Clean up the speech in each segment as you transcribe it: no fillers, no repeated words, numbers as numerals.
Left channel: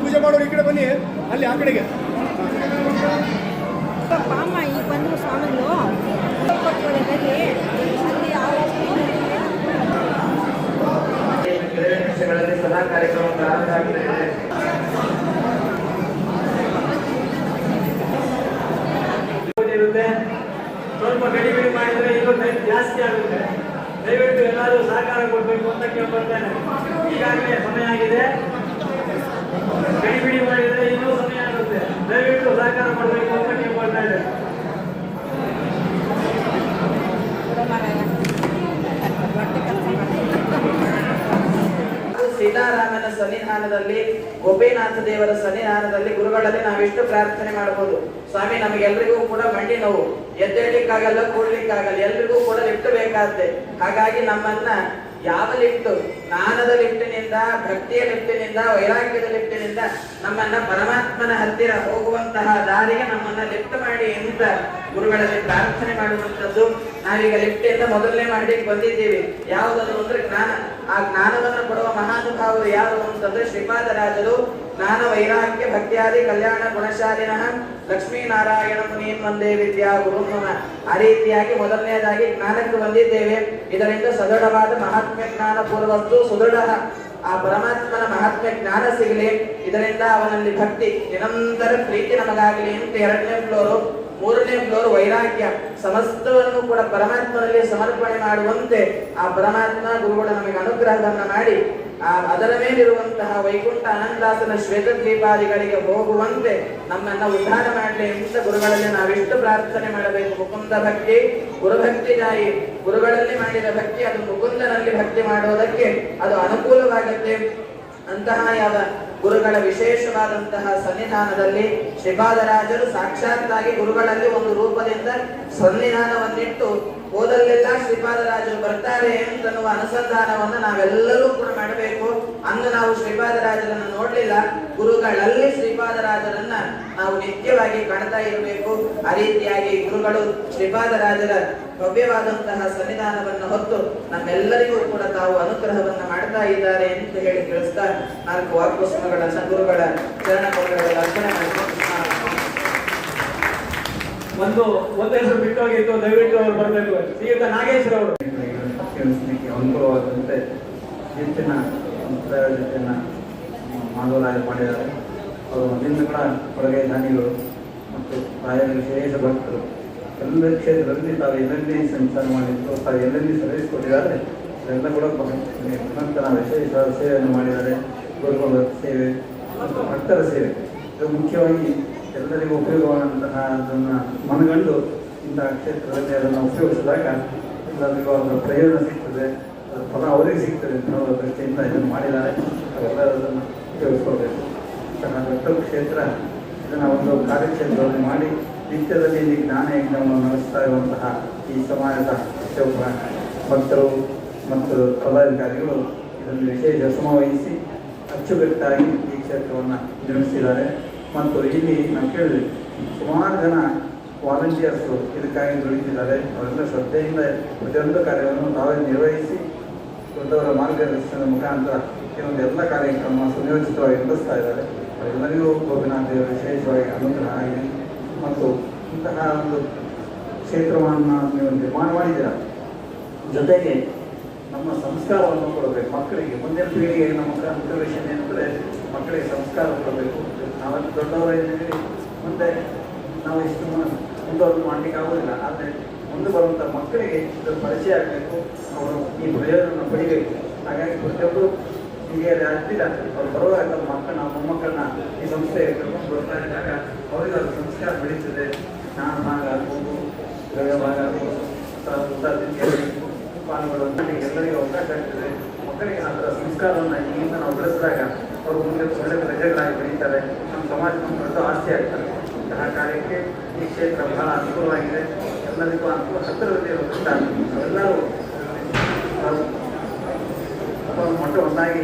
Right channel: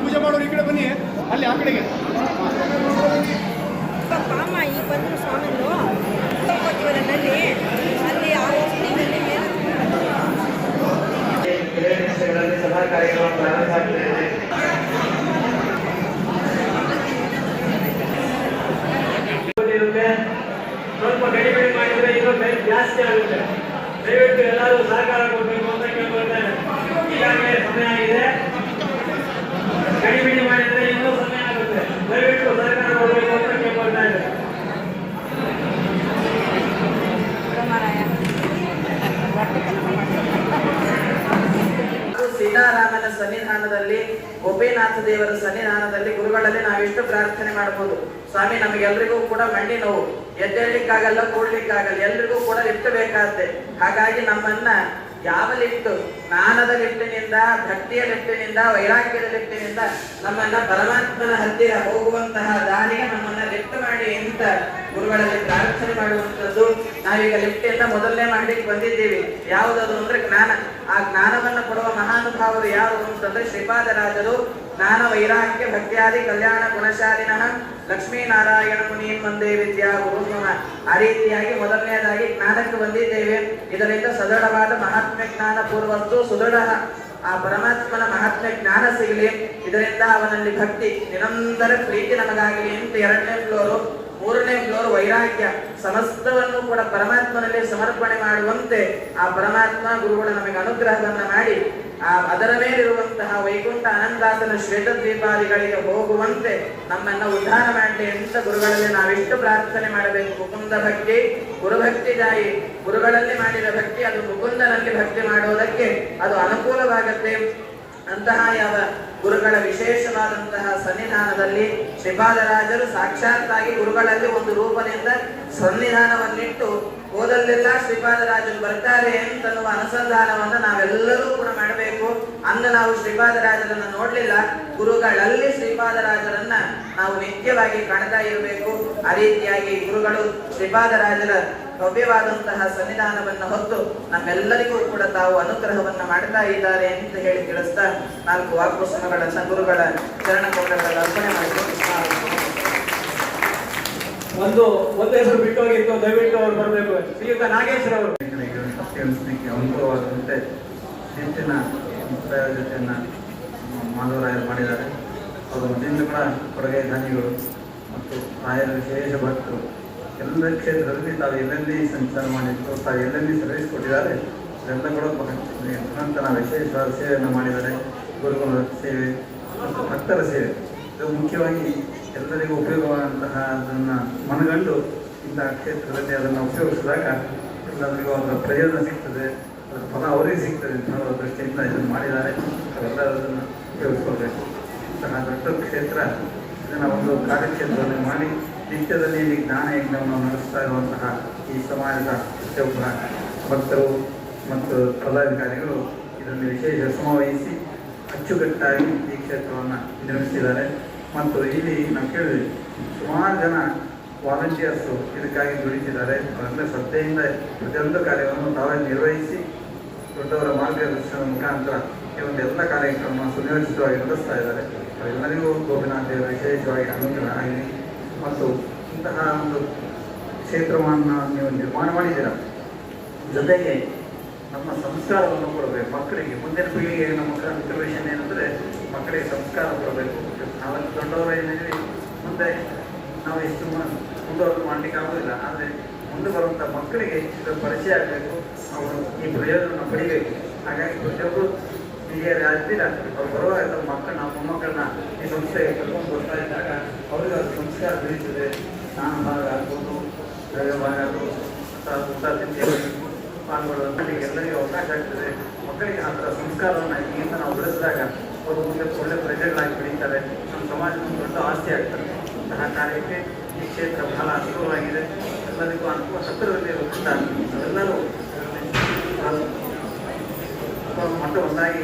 ಪೂಜೆ ಮಾಡೋರು ಈ ಕಡೆ ಬನ್ನಿ, ಅಲ್ಲಿ ಆ ಕಡೆಗೆ ಸದಾ ಕಾರ್ಯಕ್ರಮ ಪ್ರಾರಂಭ ಆಗ್ತಿದೆ. ಸ್ವಲ್ಪ ಕಡಿಮೆ ಮಾಡಿದ್ರೆ ಇದು ಜಾಸ್ತಿ ಆಗುತ್ತೆ. ದಯವಿಟ್ಟು ಎಲ್ಲರೂ ಸಹಕಾರ ಕೊಡಬೇಕು ಅಂತ ಕೇಳ್ಕೊಳ್ತೇನೆ. ಈಗಾಗಲೇ ಸಮಯ ಆಗಿದೆ, ಕಡಿಮೆ ಮಾಡಿದ್ರೆ ಇನ್ನೂ ಸಮಯ ಆಗುತ್ತೆ. ದಯವಿಟ್ಟು ಸಹಕಾರ ಕೊಡಬೇಕು ಅಂತ ಕೇಳ್ಕೊಳ್ತಾ ಇದ್ದೇನೆ. ಸೀತಾರಾಮನ ಸನ್ನಿಧಾನದಲ್ಲಿ, ಗೋಪಿನಾಥ ದೇವರ ಸನ್ನಿಧಾನದಲ್ಲಿ ಗುರುಗಳಲ್ಲಿ ನಾವಿಷ್ಟು ಪ್ರಾರ್ಥನೆ ಮಾಡಬಹುದು. ಸ್ವಾಮಿ, ನಮಗೆಲ್ಲರಿಗೂ ಕೂಡ ಮಂಡಿ ನೋವು, ಎದ್ದೇಳಲಿಕ್ಕಾಗಲ್ಲ, ಕೂಡ್ಲಿಕ್ಕಾಗಲ್ಲ, ಎಲ್ರಿಗೂ ಕೂಡ ಲಿಫ್ಟ್ ಬೇಕಾದ್ರೆ. ಹಾಗಾಗಿ ನಮ್ಮನ್ನ ಯಾವ ಲಿಫ್ಟ್, ಜ್ಞಾನದ ಲಿಫ್ಟಿನಿಂದ, ಭಕ್ತಿಯ ಲಿಫ್ಟಿನಿಂದ, ವೈರಾಗ್ಯದ ಲಿಫ್ಟಿನಿಂದ ನಮ್ಮನ್ನ ಪರಮಾತ್ಮನ ಹತ್ತಿರ ಹೋಗುವಂತಹ ದಾರಿಗೆ ನಮ್ಮನ್ನ ಲಿಫ್ಟ್ ಮಾಡಿ ಅಂತ ಗುರುಗಳಲ್ಲಿ ಪ್ರಾರ್ಥನೆ ಮಾಡುವಂಥದ್ದು. ನಾವೀಗ ಲಿಫ್ಟ್ ಇಂದ ಮೊದಲನೇ ಮಾಡ್ಲಿಕ್ಕೆ ಬಂದಿದ್ದೀವಿ. ಯಾವುದಾದ್ರು ಅಂದ್ರೆ ಜ್ಞಾನ. ಆ ಜ್ಞಾನವನ್ನು ಕೊಡುವ ಮಹಾನುಭಾವರು ಯಾವುದು ಅಂತಂದ್ರೆ ಶ್ರೀಪಾದರಾಜರು. ಜ್ಞಾನ ವೈರಾಗ್ಯ ಭಕ್ತಿಯಾದಿ ಕಲ್ಯಾಣ ಗುಣಶಾಲಿನಃ ಲಕ್ಷ್ಮೀನಾರಾಯಣ ಮುನೀನ್ ವಂದೇ ವಿದ್ಯಾ ಗುರುನ. ಆ ರೀತಿಯಾಗಿ ಮೊದಲನೆಯದಾಗಿ ಜ್ಞಾನಕ್ಕೆ ಬಂದಿದ್ದೇವೆ. ಇದರಿಂದ ಸದೃಢವಾದ ಮಹಾತ್ಮ್ಯ ಜ್ಞಾನ ಪೂರ್ವತ್ತು ಸುದೃಢ ಆ ಪರಮಾತ್ಮನ ಮಹಾತ್ಮ್ಯ ಜ್ಞಾನ ಸಿಗಲಿ, ಇದರಿಂದ ಅವನಲ್ಲಿ ಭಕ್ತಿ ನಿರಂತರ ಪ್ರೀತಿ ನಮಗಾಗಲಿ ಅಂತ ಎರಡನೇ ಫ್ಲೋರು. ಮೂರನೇ ಫ್ಲೋರ್ ವೈರಾಗ್ಯ, ಸಮಸ್ತವನ್ನು ಕೂಡ ಪರಮಾತ್ಮನಲ್ಲಿ ಸಮರ್ಪಣೆ ಮಾಡುವಂತೆ ಆ ಪರಮಾತ್ಮ ಗುರುಗಳು ನಮಗೆ ಅನುಗ್ರಹವನ್ನ ಮಾಡಿ ಅದರ ಮೇಲಿರುವಂತಹ ವೈಕುಂಠ ಆನಂದಾಸನ ಶ್ವೇತದ್ವೀಪಾದಿಗಳಿಗೆ ಹೋಗುವಂತೆ ನಮ್ಮನ್ನ ಉದ್ಧಾರ ಮಾಡಲಿ ಅಂತ ಗುರುಗಳಲ್ಲಿ ನಾವಿಷ್ಟು ಪ್ರಾರ್ಥನೆ ಮಾಡಬೇಕು. ಮುಕುಂದ ಭಕ್ತಿ ಗುರುಭಕ್ತಿದಾಯಿ. ಗುರುಗಳಲ್ಲಿ ಮಾಡಿದ ಭಕ್ತಿ ಅದು ಮುಕುಂದನಲ್ಲಿ ಭಕ್ತಿ ಮಾಡುವುದಕ್ಕೆ ಅದು ಅನುಕೂಲವಾಗತ್ತೆ. ಅಂತಹ ಯಾವ ಗುರುಗಳ ವಿಶೇಷವಾದಂತಹ ಸನ್ನಿಧಾನದಲ್ಲಿ ಶ್ರೀಪಾದರಾಜರು ಸಾಕ್ಷಾತ್ತಾಗಿ ಗುರುಗಳಲ್ಲಿ ಒಂದು ರೂಪದಿಂದ ಸನ್ನಿಧಾನವನ್ನಿಟ್ಟು ಹೋದಲ್ಲೆಲ್ಲ ಶ್ರೀಪಾದರಾಜರು ಬರ್ತಾರೆ ಅಂತನ್ನುವ ಅನುಸಂಧಾನವನ್ನು ನಾವೆಲ್ಲರೂ ಕೂಡ ಮಾಡಬೇಕು. ಅಂದು ನಾವು ಶ್ರೀಪಾದರಾಜರನ್ನು ನೋಡ್ಲಿಲ್ಲ, ಗುರುಗಳಲ್ಲಿ ಶ್ರೀಪಾದರಾಜರನ್ನ ನಾವು ನಿತ್ಯವಾಗಿ ಕಾಣ್ತಾ ಇರಬೇಕು. ಆ ರೀತಿಯಾಗಿ ಗುರುಗಳು ಶ್ರೀಪಾದರಾಜರ ಭವ್ಯವಾದಂತಹ ಸನ್ನಿಧಾನವನ್ನು ಹೊತ್ತು ನಮ್ಮೆಲ್ಲರಿಗೂ ಕೂಡ ತಾವು ಅನುಗ್ರಹವನ್ನ ಮಾಡ್ತಾ ಇದ್ದಾರೆ ಅಂತ ಹೇಳಿ ತಿಳಿಸ್ತಾ 4 ವಾಕ್ಪುಸ್ತಕಗಳ ಗುರುಗಳ ಚರಣ ಕಮಲಗಳ ಅರ್ಪಣೆ ಮಾಡಿ ಒಂದೇ ಹೆಸರು ಬಿಟ್ಟೋಗಿತ್ತು, ದಯವಿಟ್ಟು ಅವ್ರು ಬರಬೇಕು. ಶ್ರೀಯುತ ನಾಗೇಶ್ವರ ಅವರು ಅನುಕೂಲವಾದಂತೆ ಹೆಚ್ಚಿನ ಪ್ರಯೋಜನ ಮಾಧವರಾಯ ಮಾಡಿದ್ದಾರೆ. ಅವರು ಮೊದಲಿಂದ ಕೂಡ ಕೊಡುಗೆ ದಾನಿಗಳು ಮತ್ತು ರಾಯರ ವಿಶೇಷ ಭಕ್ತರು. ಎಲ್ಲ ಕ್ಷೇತ್ರದಲ್ಲಿ ತಾವು ಎಲ್ಲೆಲ್ಲಿ ಸಂಚಾರ ಮಾಡಿದ್ರು, ತಾವು ಎಲ್ಲೆಲ್ಲಿ ಸರ್ವಿಸ್ ಕೊಟ್ಟಿದ್ದಾರೆ, ಎಲ್ಲ ಕೂಡ ನಂತರ ವಿಶೇಷವಾದ ಸೇವೆಯನ್ನು ಮಾಡಿದ್ದಾರೆ. ಗುರುಗಳ ಸೇವೆ ಮತ್ತು ಭಕ್ತರ ಸೇವೆ, ಇದು ಮುಖ್ಯವಾಗಿ ಎಲ್ಲರಿಗೂ ಉಪಯೋಗವಾದಂತಹ ಅದನ್ನು ಮನಗಂಡು ಇಂತಹ ಕ್ಷೇತ್ರದಲ್ಲಿ ಅದನ್ನು ಉಪಯೋಗಿಸಿದಾಗ ಎಲ್ಲರಿಗೂ ಅವರ ಪ್ರಯೋಜನ ಸಿಗ್ತದೆ, ಅದರ ಫಲ ಅವರಿಗೆ ಸಿಗ್ತದೆ ಅಂತ ಅವರ ದೃಷ್ಟಿಯಿಂದ ಇದನ್ನು ಮಾಡಿದ್ದಾರೆ. ಅವೆಲ್ಲದನ್ನು ಉಪಯೋಗಿಸ್ಕೊಳ್ಬೇಕು. ಭಕ್ತರ ಕ್ಷೇತ್ರ ಇದನ್ನು ಒಂದು ಕಾರ್ಯಕ್ಷೇತ್ರದಲ್ಲಿ ಮಾಡಿ ನಿತ್ಯದಲ್ಲಿ ಜ್ಞಾನ ಯಜ್ಞವನ್ನು ನಡೆಸ್ತಾ ಇರುವಂತಹ ಈ ಸಮಾಜದ ಪ್ರತಿಯೊಬ್ಬ ಭಕ್ತರು ಮತ್ತು ಪದಾಧಿಕಾರಿಗಳು ಇದನ್ನು ವಿಶೇಷ ಶ್ರಮವಹಿಸಿ ಅಚ್ಚುಕಟ್ಟಾಗಿ ಈ ಕ್ಷೇತ್ರವನ್ನು ನಿರ್ಮಿಸಿದ್ದಾರೆ. ಮತ್ತು ಇಲ್ಲಿ ನಾವು ಕೇಳಿದ್ವಿ, ಸುಮಾರು ಜನ ವಾಲಂಟಿಯರ್ಸು ಇದಕ್ಕಾಗಿ ದುಡಿತಿದ್ದಾರೆ. ಅವರೆಲ್ಲ ಶ್ರದ್ಧೆಯಿಂದ ಪ್ರತಿಯೊಂದು ಕಾರ್ಯವನ್ನು ತಾವೇ ನಿರ್ವಹಿಸಿ ದೊಡ್ಡವರ ಮಾರ್ಗದರ್ಶನದ ಮುಖಾಂತರ ಈ ಒಂದು ಎಲ್ಲ ಕಾರ್ಯಕ್ರಮ ಸುವ್ಯವಸ್ಥಿತವಾಗಿ ನಡೆಸ್ತಾ ಇದ್ದಾರೆ. ಅವರೆಲ್ಲರಿಗೂ ಗೋಪಿನಾಥ ದೇವರು ವಿಶೇಷವಾಗಿ ಅನುಗ್ರಹ ಆಗಲಿ. ಮತ್ತು ಇಂತಹ ಒಂದು ಕ್ಷೇತ್ರವನ್ನು ನೀವು ನಿರ್ಮಾಣ ಮಾಡಿದ್ದೀರ, ಜೊತೆಗೆ ನಮ್ಮ ಸಂಸ್ಕಾರವನ್ನು ಕೊಡಬೇಕು ಮಕ್ಕಳಿಗೆ. ಮುಂದಿನ ಪೀಳಿಗೆ ನಮ್ಮ ಕನ್ಸರ್ವೇಷನ್ ಏನಂದರೆ ಮಕ್ಕಳಿಗೆ ಸಂಸ್ಕಾರ ಕೊಡಬೇಕು. ನಾವು ದೊಡ್ಡವರಿದ್ದೀವಿ, ಮುಂದೆ ನಾವು ಎಷ್ಟು ಮುಂದುವರೆದು ಮಾಡಲಿಕ್ಕೆ ಆಗೋದಿಲ್ಲ. ಆದರೆ ಮುಂದೆ ಬರುವಂಥ ಮಕ್ಕಳಿಗೆ ಇದರ ಪರಿಚಯ ಆಗಬೇಕು, ಅವರು ಈ ಪ್ರಯೋಜನ ಪಡಿಬೇಕು. ಹಾಗಾಗಿ ಪ್ರತಿಯೊಬ್ಬರು ಹಿರಿಯರು ಆಗ್ತಿಲ್ಲ, ಅವ್ರು ಬರುವಾಗ ಮಕ್ಕಳನ್ನ ಮೊಮ್ಮಕ್ಕಳನ್ನ ಈ ಸಂಸ್ಥೆಗೆ ಕರ್ಕೊಂಡು ಬರ್ತಾ ಇದ್ದಾಗ ಅವರಿಗೆ ಅದು ಸಂಸ್ಕಾರ ಬೆಳೀತದೆ. ಸ್ನಾನ ಭಾಗ ಆಗ್ಬೋದು, ಪ್ರಯೋಗ ಭಾಗ ಆಗ್ಬೋದು, ಪಾಲ್ಗೊಳ್ಳುವಂಥ ಎಲ್ಲರಿಗೂ ಅವಕಾಶ ಆಗ್ತದೆ. ಮಕ್ಕಳಿಗೆ ಆ ಥರ ಸಂಸ್ಕಾರವನ್ನು ಈಗ ನಾವು ಬೆಳೆಸಿದಾಗ ಅವರು ಮುಂದೆ ಒಳ್ಳೆಯ ಪ್ರಜೆಗಳಾಗಿ ಬೆಳೀತಾರೆ. ನಮ್ಮ ಸಮಾಜಕ್ಕೆ ದೊಡ್ಡ ಆಸ್ತಿ ಆಗ್ತದೆ. ಆ ಕಾರ್ಯಕ್ಕೆ ಈ ಕ್ಷೇತ್ರ ಬಹಳ ಅನುಕೂಲವಾಗಿದೆ. ಎಲ್ಲರಿಗೂ ಅನುಕೂಲ ಹತ್ತಿರದಲ್ಲಿ ಇರೋದ್ರಿಂದ ಎಲ್ಲರೂ ಅಥವಾ ಮಕ್ಕಳು ಒಂದಾಗಿ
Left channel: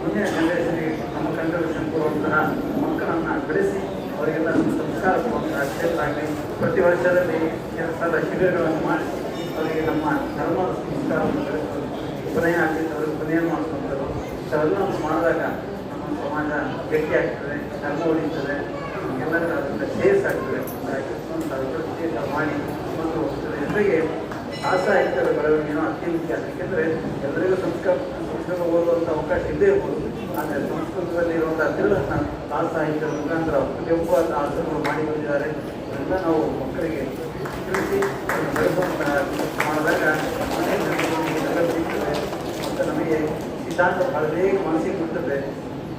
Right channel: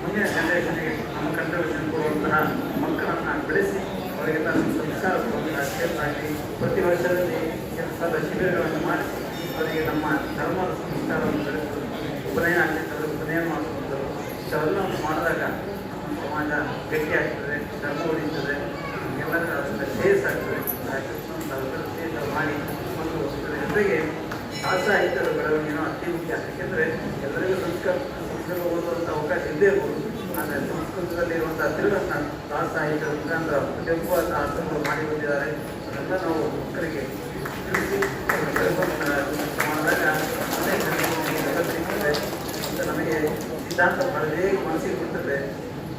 ಮುಂದಿನ ಜನರೇಷನ್ಗೆ ನಮ್ಮ ಕಂಟ್ರಿಬ್ಯೂಷನ್ ಕೊಡುವಂತಹ ಮಕ್ಕಳನ್ನು ಬೆಳೆಸಿ ಅವರಿಗೆಲ್ಲ ಸಂಸ್ಕಾರ ಕೊಡುವಂತಹ ಪ್ರತಿ ವರ್ಷದಲ್ಲಿ ಶಿಬಿರಗಳನ್ನು ಮಾಡಿಸಿ ಅವರಿಗೆ ನಮ್ಮ ಧರ್ಮದ ಸಂಸ್ಕಾರವನ್ನು ಬೆಳೆಸೋದು ಉಪನಯನ ಆಗ್ತಿರ್ತದೆ ಉಪನಯನ ಮಾಡಿಸುವಂಥದ್ದು ಇಷ್ಟೆಲ್ಲವನ್ನು ಮಾಡಿದಾಗ ನಮ್ಮ ಸಮಾಜ ಗಟ್ಟಿಯಾಗ್ತದೆ ಧರ್ಮ ಉಳಿತದೆ ಎಲ್ಲರ ಸೇರ್ಸ್ ಆಗ್ತದೆ ಸೇರ್ಸ ಮಾಡಿ ಮತ್ತು ಜೊತೆಗೆ ಸಾಹಿತ್ಯದ ಬೆಳವಣಿಗೆನೂ ಅತಿ ಮುಖ್ಯ. ಯಾಕೆಂದರೆ ಎಲ್ಲರಿಗೂ ಸಂಸ್ಕೃತ ಓದುವಂಥ ಅವಕಾಶ ಇದ್ದೇ ಇರ್ಬೋದು. ಆದರೆ ಸಂಸ್ಕೃತದಲ್ಲಿರುವಂಥ ತಿರುಳನ್ನು ಸಾಹಿತ್ಯದ ಮುಖಾಂತರ ಪ್ರತಿಯೊಬ್ಬ ಅರ್ಥಗಳು ಮಾಡಿ ಬಂದಿದ್ದಾರೆ. ಅದೆಲ್ಲ ನಾವು ಮಕ್ಕಳಿಗೆ ತಿಳಿಸಿ ಮಾಡಿದಾಗ ಅನೇಕ ಸಿಗ್ತದೆ ಮತ್ತು ನಮಗೆ ಸಿದ್ಧಾಂತ ಬಹಳದೇ ಮನಸ್ಸಿಗೆ ಬಿಡ್ತದೆ.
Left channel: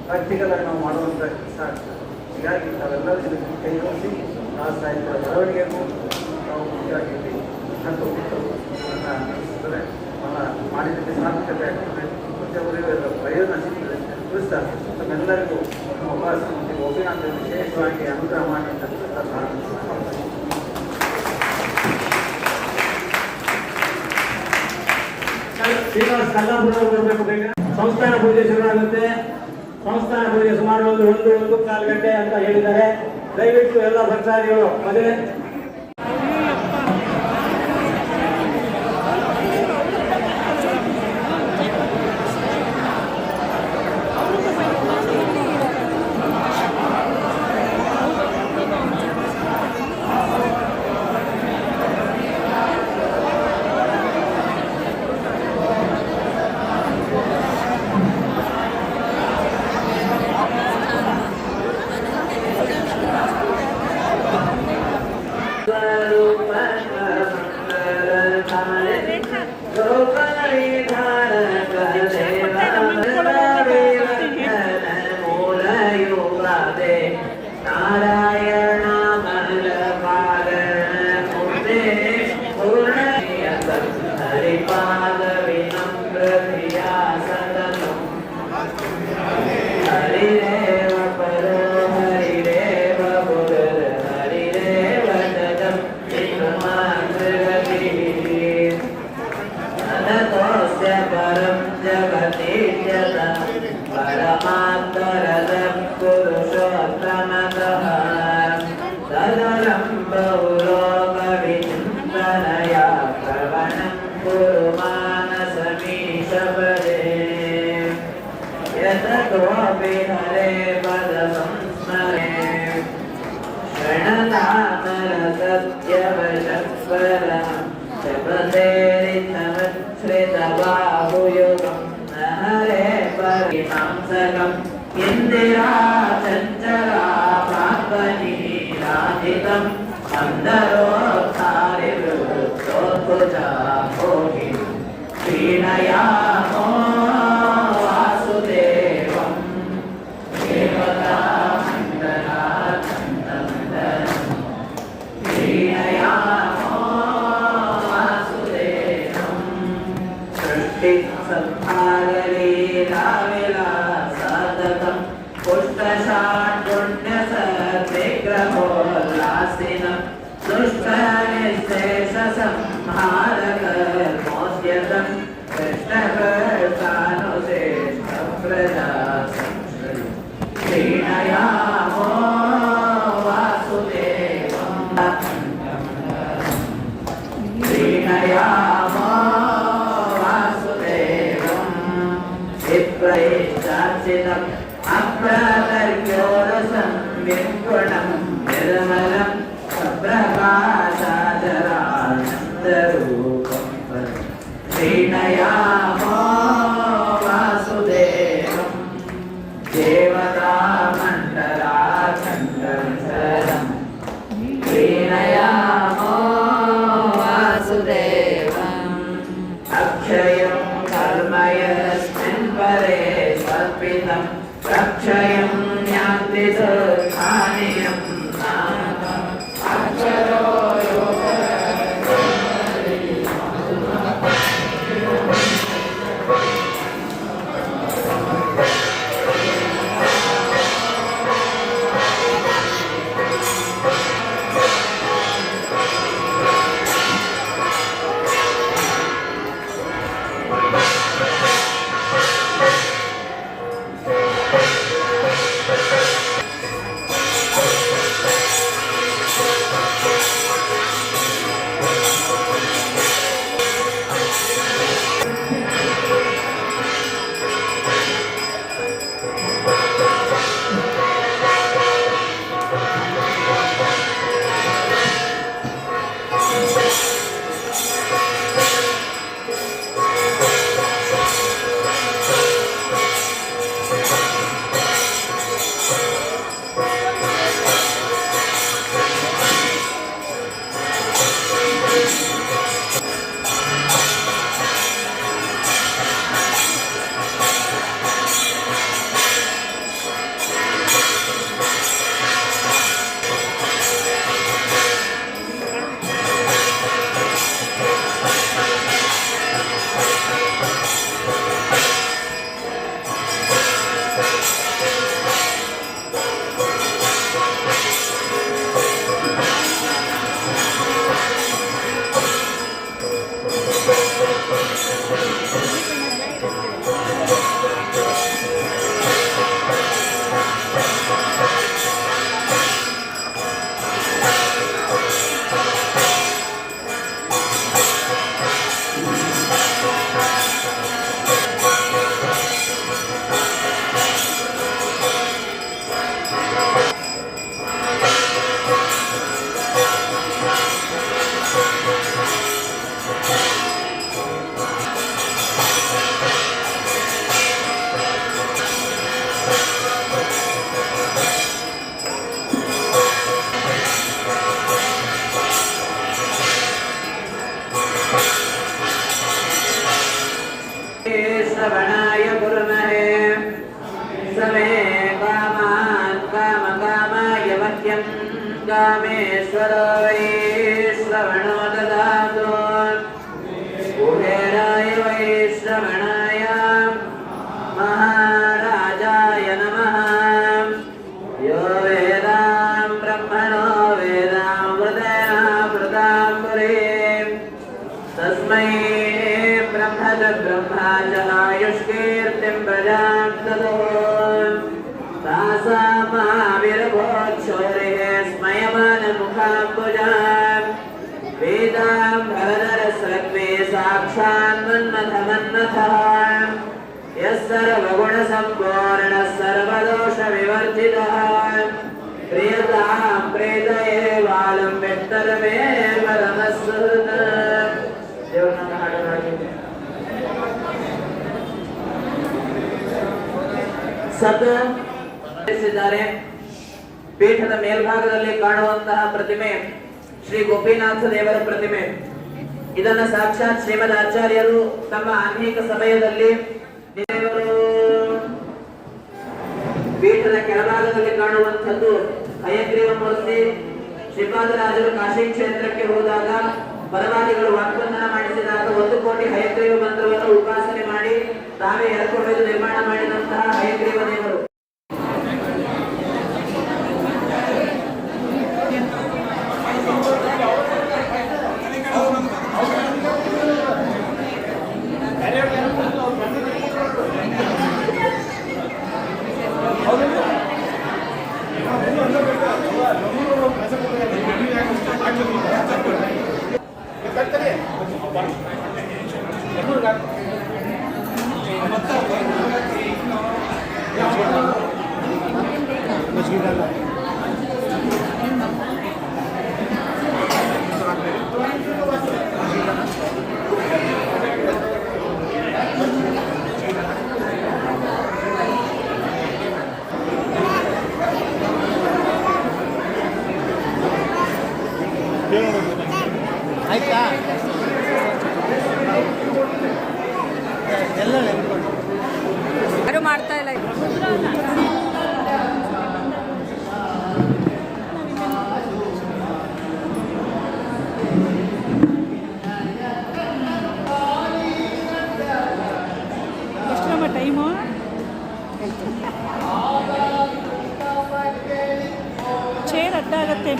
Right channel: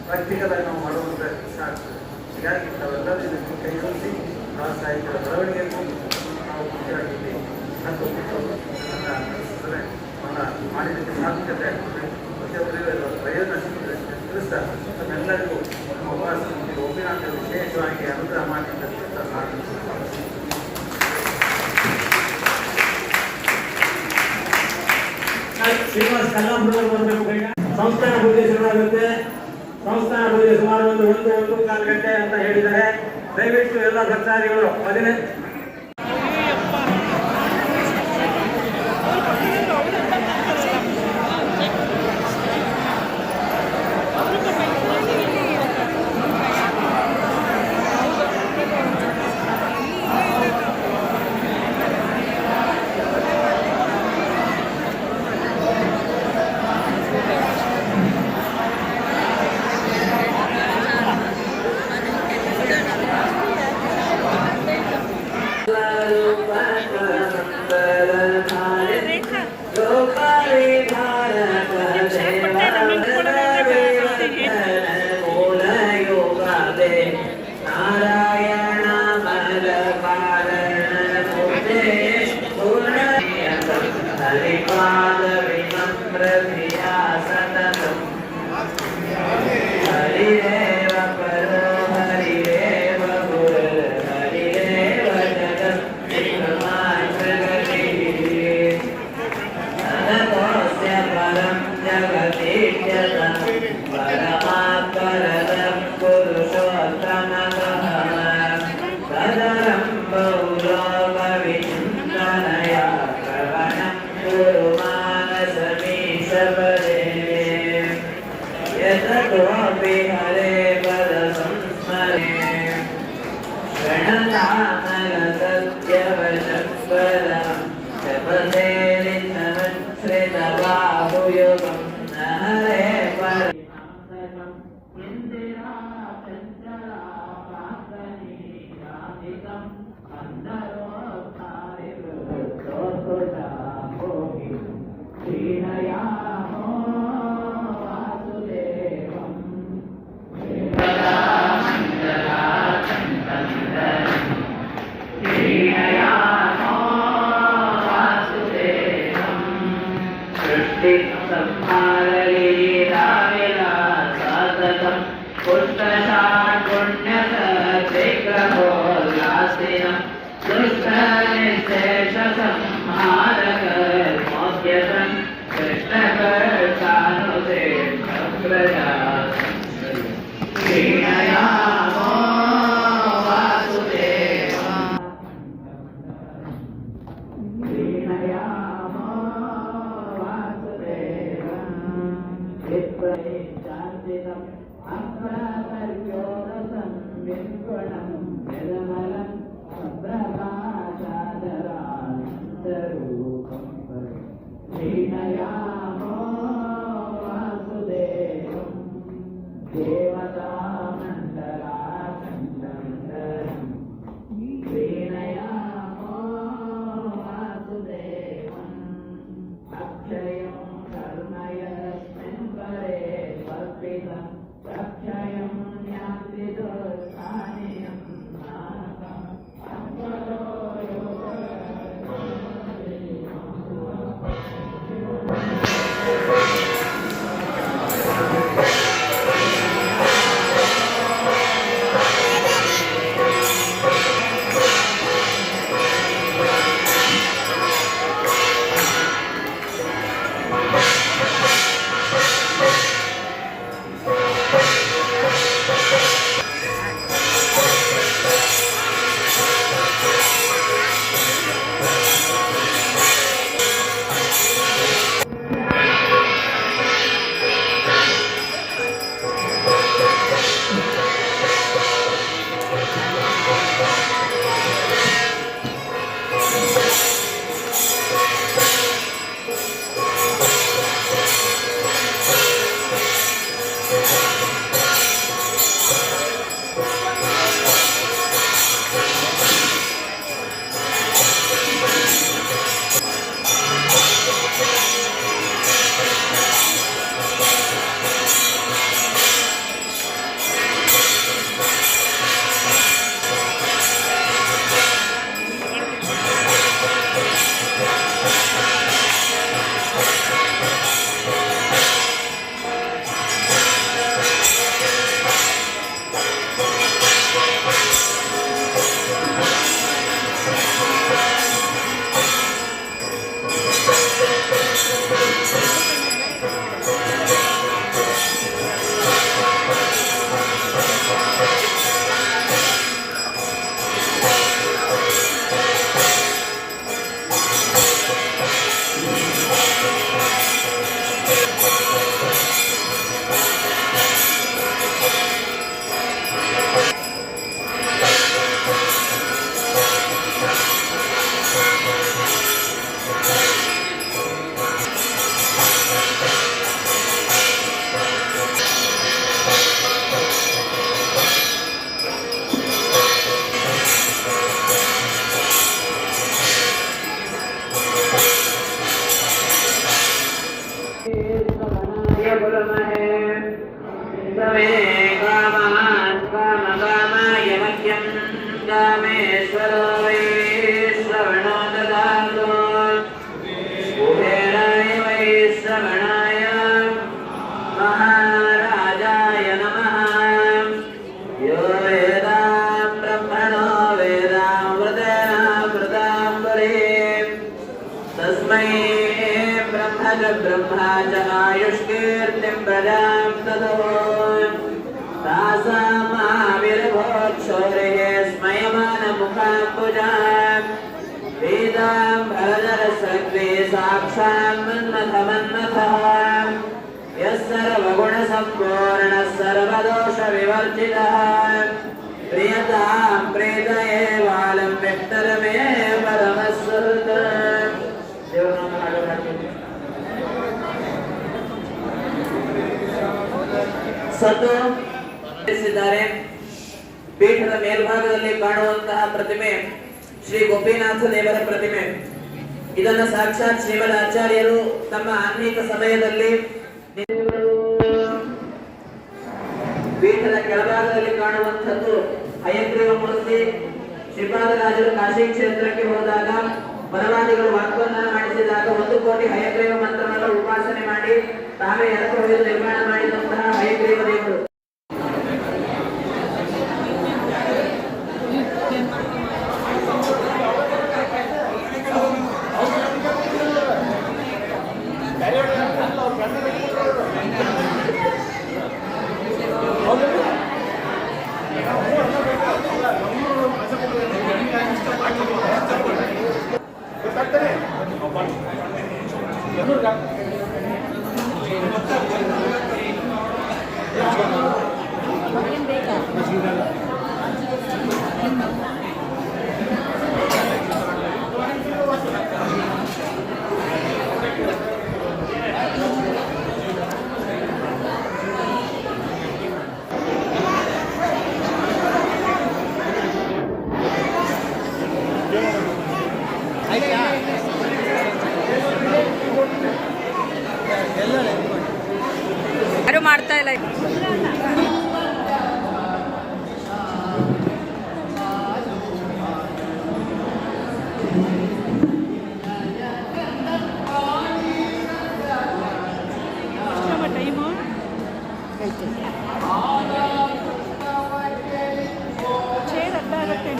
ಪ್ರಾಕ್ಟಿಕಲ್ ಆಗಿ ನಾವು ಮಾಡುವಂಥ ಇಷ್ಟ ಆಗ್ತದೆ. ಹೀಗಾಗಿ ನಾವೆಲ್ಲರೂ ಕೈ ಜೋಡಿಸಿ ಸಾಹಿತ್ಯದ ಬೆಳವಣಿಗೆಗೂ ನಾವು ಮುಖ್ಯವಾಗಿದ್ದೀವಿ. ಮಾಡಿದ್ದಕ್ಕೆ ಸಾಧ್ಯತೆ ಪ್ರತಿಯೊಬ್ಬರಿಗೂ ಅದರ ಪ್ರಯೋಜನ ಸಿಕ್ಕಿದೆ ತಿಳಿಸ್ತಾರೆ. ಎಲ್ಲರಿಗೂ ನಮ್ಮ ಅವಕಾಶ ಒಬ್ಬಿನಾಥ ವಿಶೇಷವಾಗಿ ಅನುಗ್ರಹ ಮಾಡಿ ಶ್ರೀನಿವಾಸ ಕಲ್ಲಾಪುರ ಬರಬೇಕು. ಬೇಗ ಸಂಸ್ಥಾನ ಪೂಜೆ ಶುರುವಾಗುತ್ತೆ. ಸಂಸ್ಥಾನ ಪೂಜೆ ಸುಮಾರು ಒಂದು ಕಾಲು ಗಂಟೆ ಅಂತ ಹೇಳಿದ್ದಾರೆ. ದಯವಿಟ್ಟು ಎಲ್ಲ ಭಕ್ತಾದಿಗಳು ಅದೇ इंदिरा चंचला प्रापनी राधितम अंदरो तारिवृत्तोजा होगी वीणयामो वासुदेवं केवला मंगला कंठंदरं वीणयामो वासुदेवं सृष्टि संहारलीला विलासततं पुष्टशाण्डुण्यसत्विग्रहोल्लासिनं दुष्टनिःशेषसंहारकर्मोद्यतं कृष्णकर्तानुशेषप्रजासं वीणयामो वासुदेवं वीणयामो वासुदेवं विप्रैश्चार्चितम् अप्रतर्क्योरसं विपुणं निर्मलं सप्रकाशाचरानन्दरूपं वीणयामो वासुदेवं देवतामण्डलाखण्डविसरं वीणयामो वासुदेवम् अक्षयं कर्म यस्मिन् परे स्वल्पितम् रक्षयं ज्ञाति सुखानियं अक्षरो श्रवणाय कुर्महे समे कामान् कामकामाय मह्यं कामेश्वरो वै श्रवणो ददातु कुबेराय वै श्रवणाय महाराजाय नमः यो वेदां ब्रह्मणो वेदामृतामृताम्बुरीं तस्मै ब्रह्म च आयुष्कीर्तिं प्रजां ददो तासामाविर्भोक्षोरिः स्मयमानमुखाम्बुजाम् पीताम्बरधरस्रग्वे साक्षान् मन्मथमन्मथः यः सर्वगुणसम्पूर्णः सर्वदोषविवर्जितः प्रियतां प्रीतये बालं विष्टरमे परमस्वरूपः देवनाम हाಡು ಹಾಡುವುದು ಸತ್ತು ಪೀಠದ ಮೇಲ್ಭಾಗದಲ್ಲಿ ಕಾಣುವಂತಹ ಪ್ರತಿಮೆ ಶ್ರೀ ಗೋಪಿನಾಥ ದೇವರ ಪ್ರತಿಮೆ. ಇದನ್ನು ಸಾಕ್ಷಾತ್ ಶ್ರೀಮದ್ ಆಚಾರ್ಯರು ತಮ್ಮ ಆನ್ಮೀಕ ಸಮಯದಲ್ಲಿ ಪೀಠದ ಕೆಳಭಾಗದಲ್ಲಿ ಕಾಣುವಂಥದ್ದು ಹಯಗ್ರೀವ ಮೂರ್ತಿ. ಶ್ರೀಪಾದರಾಜರು ಕಾಶಿ ಕ್ಷೇತ್ರಕ್ಕೆ ಹೋದಾಗ ಪರವಾದಿಗಳು ವಾಗ್ವಂದನ ಮಾಡಿಸಿದಾಗ 1 ಕೋಟಿ ಹಯಗ್ರೀವ ಮಂತ್ರವನ್ನು ಉಪಾಸನೆ ಮಾಡಿ ತಾವೇ ಎರ್ಕೊಂಡು ನಿರ್ಮಾಣ ಮಾಡಿದಂತಹ ಹಯಗ್ರೀವ ದೇವರು. ಯಾರು ಮಾಡ್ತಾ ಇಲ್ಲ. ಟೈಮು ಚೇರ್ ಅಡ್ಡ ಆಗುತ್ತೆ.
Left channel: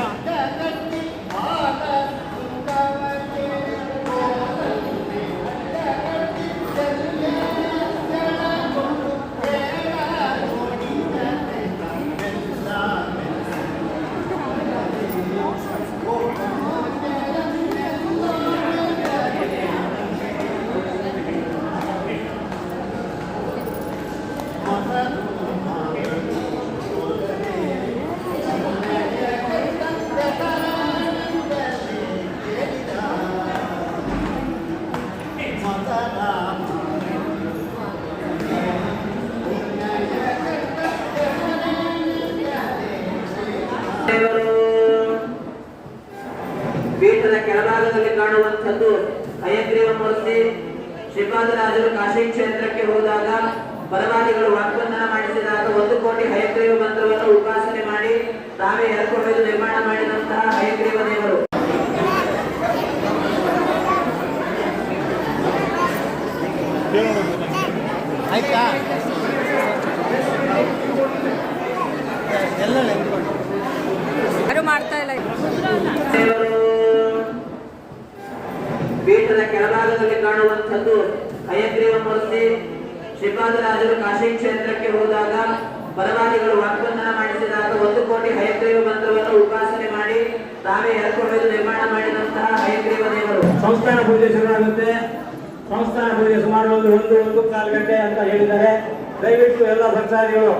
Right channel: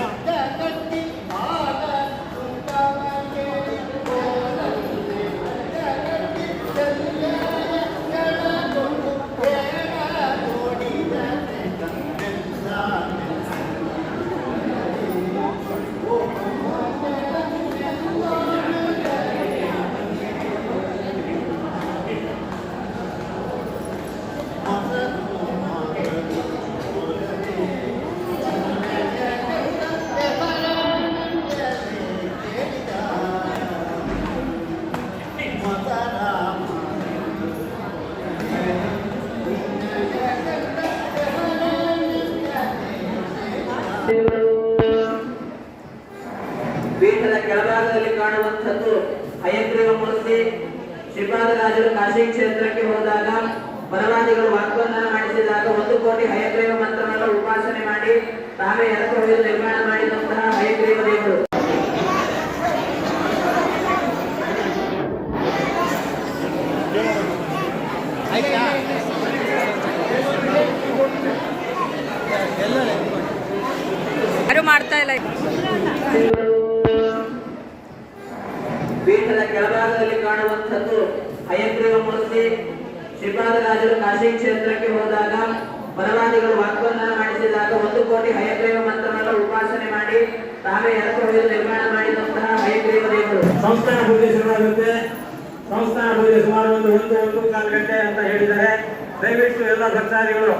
ಪೀಠದ ಕೆಳಭಾಗದಲ್ಲಿ ಕಾಣುವಂಥದ್ದು ಹಯಗ್ರೀವ ಮೂರ್ತಿ. ಶ್ರೀಪಾದರಾಜರು ಕಾಶಿ ಕ್ಷೇತ್ರಕ್ಕೆ ಹೋದಾಗ ಪರವಾದಿಗಳು ವಾಗ್ವಂದನ ಮಾಡಿಸಿದಾಗ 1 ಕೋಟಿ ಹಯಗ್ರೀವ ಮಂತ್ರವನ್ನು ಉಪಾಸನೆ ಮಾಡಿ ತಾವೇ ಎರ್ಕೊಂಡು ನಿರ್ಮಾಣ ಮಾಡಿದಂತಹ ಹಯಗ್ರೀವ ದೇವರು. ಯಾರು ಮಾಡ್ತಾ ಇಲ್ಲ. ಪೀಠದ ಕೆಳಭಾಗದಲ್ಲಿ ಕಾಣುವಂಥದ್ದು ಹಯಗ್ರೀವ ಮೂರ್ತಿ. ಶ್ರೀಪಾದರಾಜರು ಕಾಶಿ ಕ್ಷೇತ್ರಕ್ಕೆ ಹೋದಾಗ ಪರವಾದಿಗಳು ವಾಗ್ವಂದನ ಮಾಡಿಸಿದಾಗ 1 ಕೋಟಿ ಹಯಗ್ರೀವ ಮಂತ್ರವನ್ನು ಉಪಾಸನೆ ಮಾಡಿ ತಾವೇ ಎರ್ಕೊಂಡು ನಿರ್ಮಾಣ ಮಾಡಿದಂತಹ ಹಯಗ್ರೀವ ದೇವರು. ಸಂಸ್ಥಾನ ಪೂಜೆ ಶುರುವಾಗುತ್ತೆ. ಸಂಸ್ಥಾನ ಪೂಜೆ ಸುಮಾರು 1-1.25 ಗಂಟೆ ಅಂತ ಹೇಳಿದ್ದಾರೆ. ದಯವಿಟ್ಟು ಎಲ್ಲ ಭಕ್ತಾದಿಗಳು